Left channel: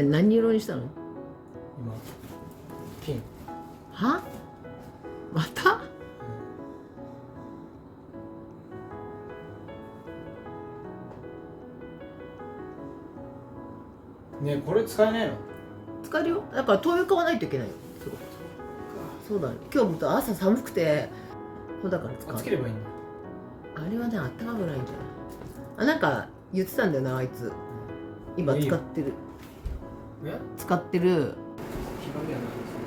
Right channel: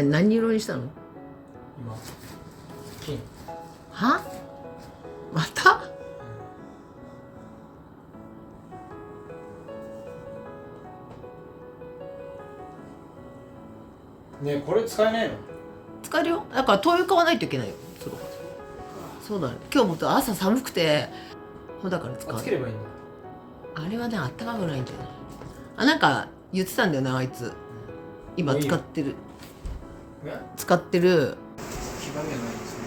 何色にしたの？今ピン。は？また？ねえこれ使えないの？使えるよ。だから灯油買わないといけないよ。そうだね。今日も朝寒くて、そうだから使う。つければいいんだ。あれはね、あったかくないんじゃない？あ、なんか言ってたんだよな、あいつ。今使ってる。使ってる。黄ばみはないですね。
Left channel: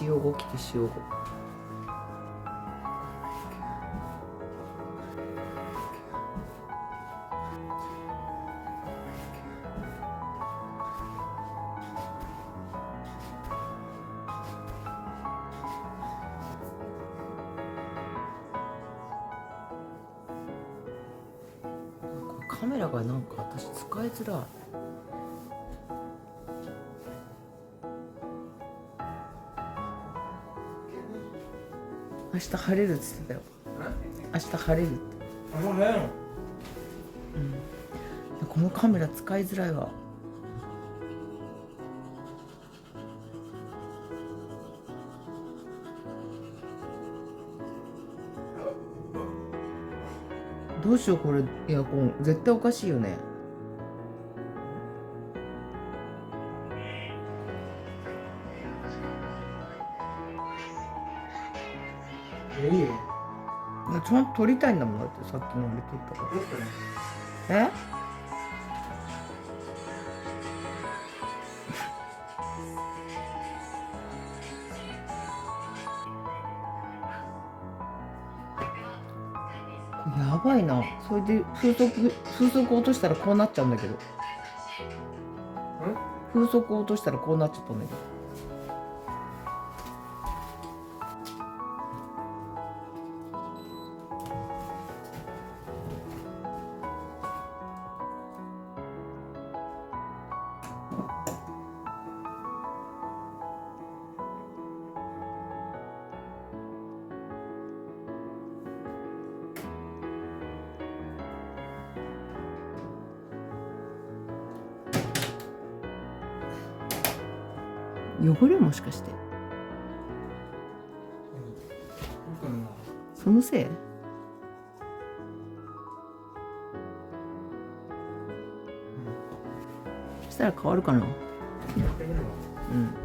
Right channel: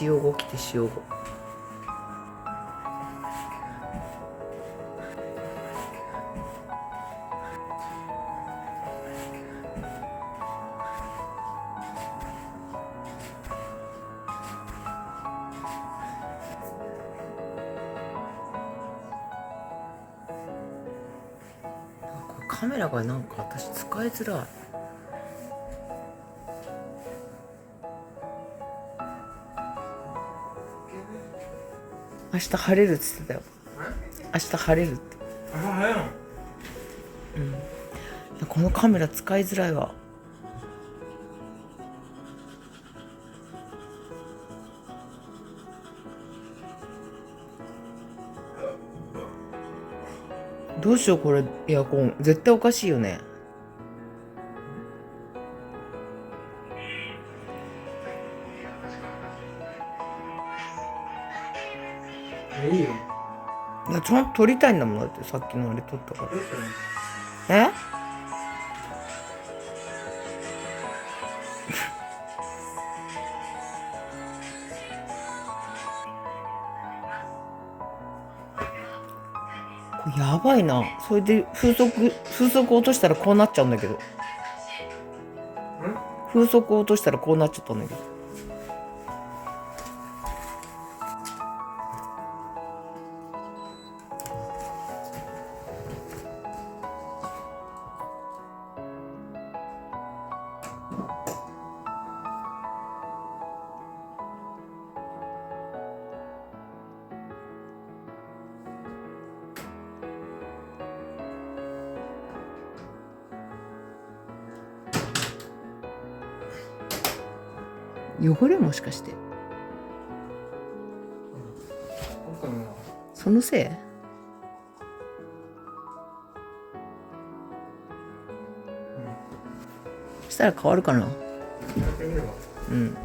塩5来て塩5。カメラがなんか私使いづらい。明日晴れるって言ってたよ。明日晴れるって。あ、そうね。うん。このカメラ使いづらいわ。どうしようこれエアコン絶対おかしいよね。いいよ。いやちゃんと撮りたいんだもんだってさっきのあれ撮ったから。え？これやばいな。それで風速落としたらこうなっちゃうんだけど。風速落としたらこうなっちゃったんだけど。汚れもしかしてそのせい？したら変わるかな。うん。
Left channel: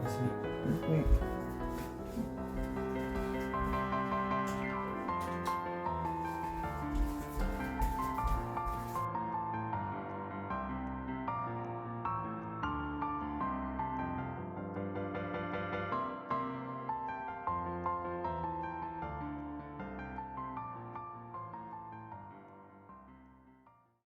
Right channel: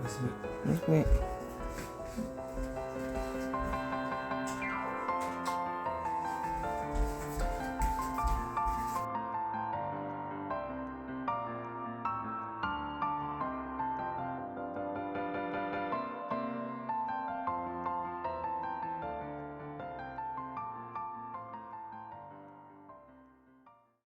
おやすみ。